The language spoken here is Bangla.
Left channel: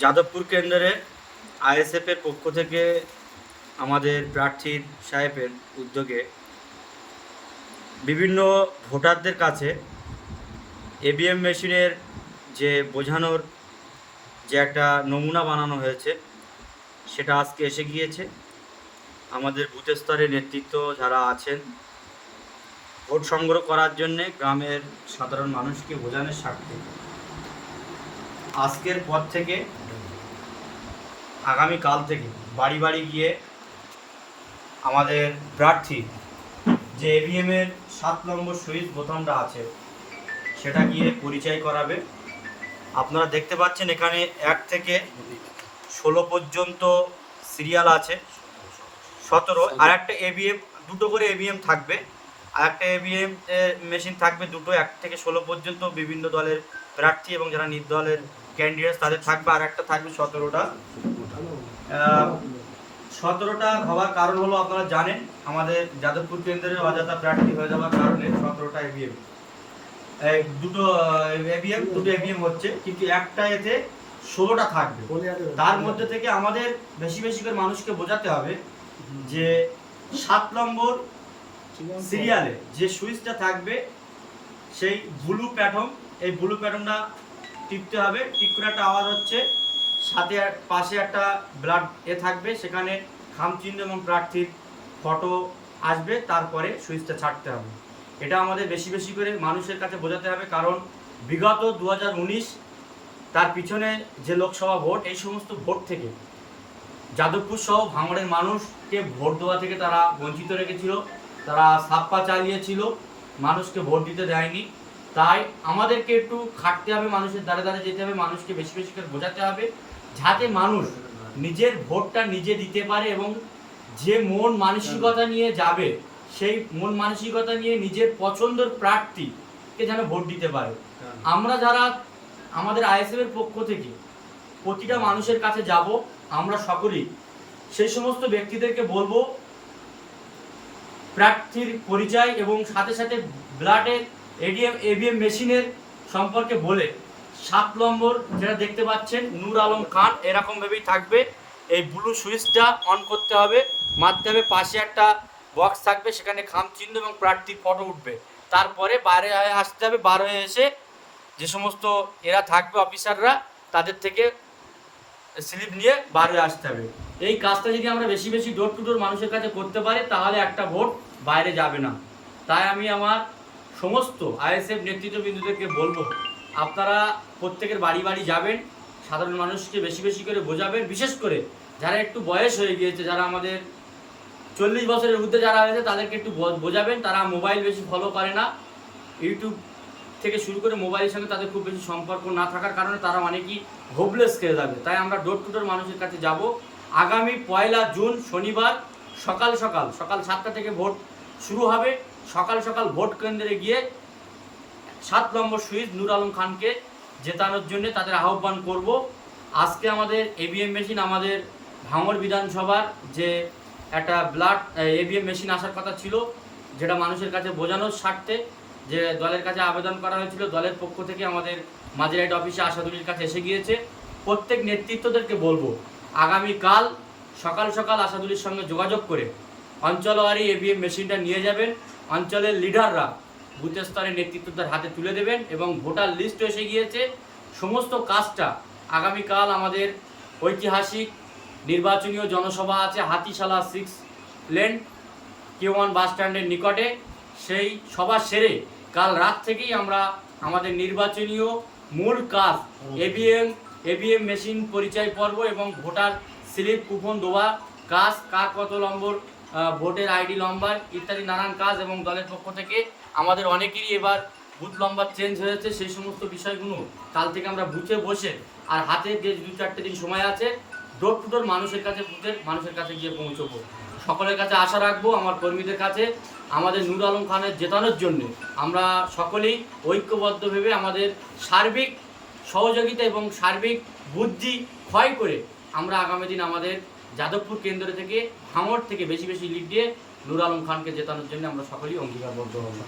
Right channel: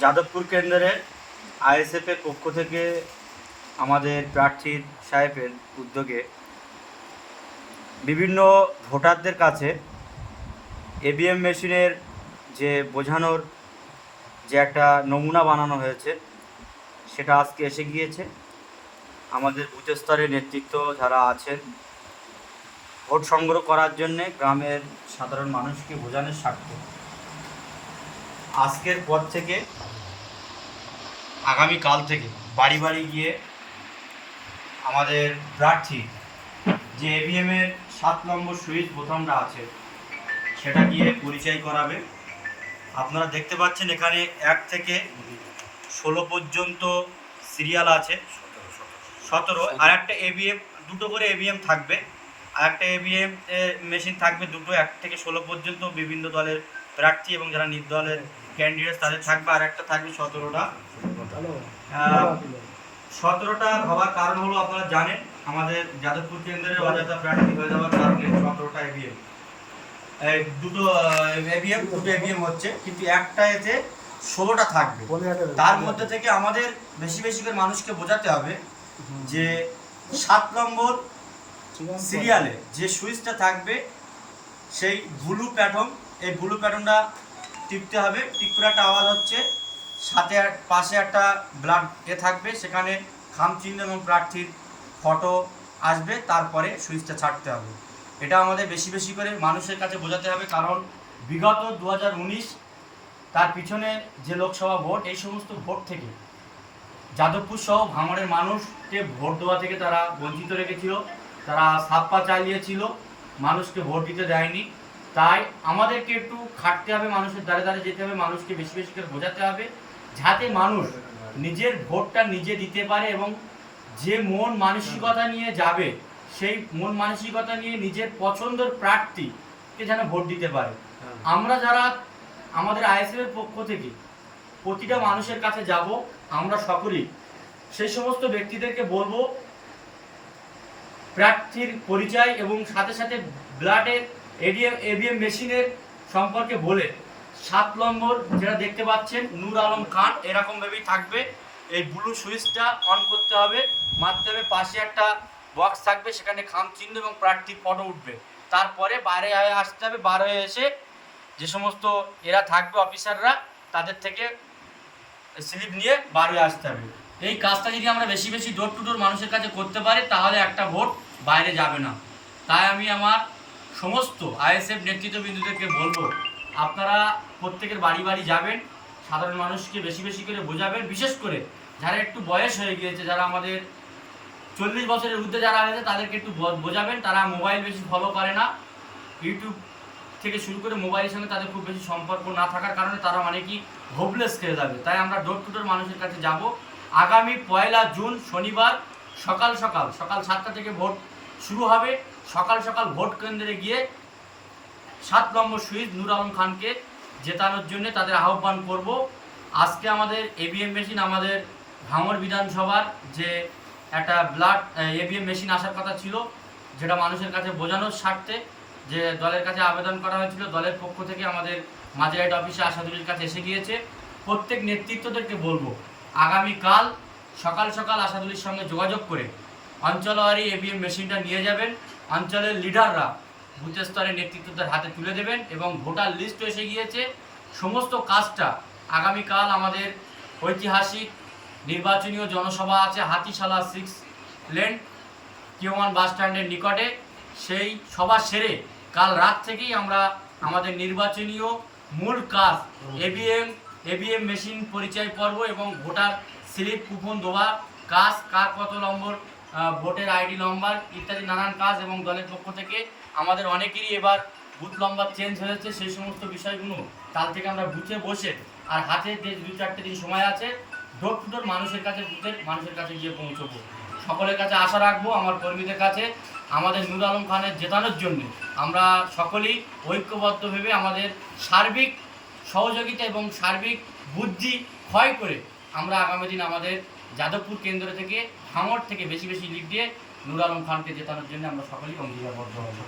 যাদবপুর কেন্দ্রে আইএসএফের পক্ষ থেকে আমাদের প্রার্থী সাহেবের উদ্যোগে বিভিন্ন ভোটারদের কাছে ইভিএম মেশিনের যে বোঝানোর যে একটা নমুনা বানানো হয়েছে সেটা আজকে এসে গিয়েছে। আমাদের বুথ স্তরের নেতৃত্ব যারা আছেন ভোট সংগ্রহ করার জন্যে গ্রামের সাধারণ মানুষকে বোঝানোর স্বার্থে আজকের পর থেকে আগামীকাল থেকে বাড়ি বাড়ি গিয়ে আমাদের প্রার্থী যে ইভিএমের 7 নম্বর সুইচ বোতামটা আছে সেটা গিয়ে পরিচয় করাবে। আপনারা দেখতে পাচ্ছেন এখানে 1 থেকে 16 পর্যন্ত সিরিয়াল আছে, 17। আর একটা ইভিএম, দুটো করে ইভিএম থাকবে, আর একটা ইভিএম মেশিন থাকবে দুটো, 1 থেকে 16 পর্যন্ত বিভিন্ন দলের প্রার্থী এবং যারা নির্দলের ক্যান্ডিডেট তাদের থাকবে। আর একটা থাকবে 17টা। 17টা হওয়ার কারণ হলো আপনারা জানেন আমাদের যাদবপুর কেন্দ্রের অযথা প্রার্থী হয়ে যাওয়ার কারণে 17টা ইভিএম, দুটো ইভিএম হচ্ছে, কিন্তু একটা এতে 16টা থাকবে। তার মধ্যে থেকে আমাদের বেশি বেশি করে মানুষকে বোঝাতে হবে যে 7 নম্বর সিরিয়ালে যে সুইচটা থাকবে সেই ব্লু প্যাটার্ন, এই ব্লু প্যাটার্নটা টিপতে হবে। টিপ করে একটা আওয়াজ হচ্ছে, সাথে পাশে একটা ব্লাড থাকবে, সেখানে খামচিহ্ন এবং প্রার্থীর ফটো আসবে, তারপরে সুইচটা ছাড়তে হবে। এটা আমাদের বেশি বেশি করে মানুষের কাছে বোঝাতে হবে, কারণ বিগত 2019 তার পিছনে যে লোকসভা ভোট, এই সমস্ত ভোট থেকে যাদবপুর সহ ভাঙড়ের মানুষকে ভোট দেওয়া থেকে তারা বঞ্চিত রেখেছিল, তারা ছাপ্পা চালিয়েছিল, মানুষকে ভোট দিতে দেয়নি। তাই আমাদেরকে একটু খাটতে হবে, মানুষের দ্বারে দ্বারে যেতে হবে, মানুষকে বেশি বেশি করে বোঝাতে হবে, যাতে মানুষ নিজের ভোটটা নিজে দিতে পারে এবং যে মন মানসিকতা নিয়ে যাবে সেই মন মানসিকতা নিয়ে নিজের পছন্দের প্রার্থীকে যেন ভোট দিতে পারে। আমরা যারা আমাদের আইএসএফের পক্ষ থেকে প্রতিটা মানুষের কাছে যাব, আমরা সকলেই সেই সমস্ত ব্যক্তিদেরকে বলবো প্রার্থীর পরিচয় এবং সাথে সাথে ব্লাডের ইভিএম মেশিনের সম্পর্কে বলে 7 নম্বর যেটা দেখতে পাচ্ছেন নূর আলম খান, এরকমভাবেই থাকবে। এই ব্লু সুইচটা অন করতে হবে, মারতে হবে, পাশে একটা বক্স থাকবে, সেখানে খামচিহ্ন এবং প্রার্থীর ফটো উঠবে। তারপরে বাইরে আসতে হবে, বার হয়ে এসে যে সমস্ত এরা থাকবে অফিসাররা, তাদের থেকে স্লিপ নিয়ে বাইরে আসতে হবে। এই কাজটা যদি আমরা বেশি বেশি ডোর টু ডোর মানুষের কাছে করতে পারি, তাহলে একটা ভোট বাইরে যাবে না। তাই আমি আমার সমস্ত আইএসএফ নেতৃত্ববৃন্দদেরকে বলবো, আপনারা প্রত্যেকের বাড়ি বাড়ি যাবেন, সাধারণ মানুষকে বেশি বেশি করে বোঝাবেন, বিশেষ করে যারা একটু বয়স হয়ে গিয়েছে, যারা আমাদের 40 বছরের ঊর্ধ্বে যারা আছে তাদেরকে একটু বোঝাবেন। তারা মোবাইল বেশি ফলো করে না, ইউটিউব থেকে শুরু করে মোবাইলের সঙ্গে তাদের খুব বেশি সম্পর্ক না থাকার কারণে তারা অনেকই হোপলেস খেয়ে যাবে। তাই আমরা ডোর টু ডোর মানুষের কাছে যাব। আগামী 1 জুন শনিবার সকাল 7টা থেকে ভোট শুরু হবে। সকাল ভোট কেন্দ্রে গিয়ে 7 নম্বর সুইচ নূর আলম খানকে জেতানোর জন্য তাদের আহ্বান করব। আজকে আমাদের ইভিএম মেশিন, আমাদের ভাঙড় বিধানসভার যে একটা ব্লাড ইভিএম মেশিন আসার কথা ছিল, যেটা মানুষের কাছে বোঝানোর স্বার্থে যে দলের কাছে আবেদন করা হয়েছিল, দলের পক্ষ থেকে আমাদের মাঝেরহাট অফিসে আশাদুলির কাছে এসে গিয়েছে। প্রত্যেক নেতৃত্বদেরকে বলবো আগামীকাল সকাল আশাদুলির সঙ্গে যোগাযোগ করে অঞ্চলওয়ারি ইভিএম মেশিনটা নিয়ে যাবেন। অঞ্চলের লিডাররা বুথ স্তরের নেতৃত্বদের হাতে তুলে দেবেন এবং ভোটার লিস্ট এসে গিয়েছে। সমস্ত কাজটা আগামীকাল আমাদের ঐতিহাসিক নির্বাচনীয় জনসভা আছে হাতিশালা 6 লেন Q1 বাস স্ট্যান্ডের নিকটে। সেই সভা সেরে কাল রাত থেকেই আমরা আমাদের নির্বাচনীয় মূল কাজ ইভিএম মেশিন পরিচয় পর্ব এবং ভোটার স্লিপ কুপন দেওয়া কাজ, কার কত নম্বর ভোটের আইডি নম্বর ইত্যাদি নানান কাজ, এবং দলের পক্ষ থেকে আমাদের অনেকেরই এবার বুথ নম্বর চেঞ্জ হয়েছে, সেই সমস্ত বিষয়গুলো কাল থেকে আমরা বুথে বসে আর হাতে যে 2-4 দিন সময় আছে ডোর টু ডোর মানুষের কাছে গিয়ে পৌঁছবো। সকলের কাছে আশা রাখবো, আমার কর্মীদের কাছে আমাদের নূর আলম খানের জেতানোর জন্য আমরা সকলেই ঐক্যবদ্ধ ভেবে আমাদের সার্বিক সহযোগিতা এবং সার্বিক বুদ্ধি ক্ষয় করে আমরা আগামী দিন আমাদের যাদবপুর কেন্দ্র থেকে ভাঙড় থেকে বেশি বেশি লিড দিয়ে নূর আলম খানকে জেতানোর জন্য আমরা সকলেই অঙ্গীকারবদ্ধ হব।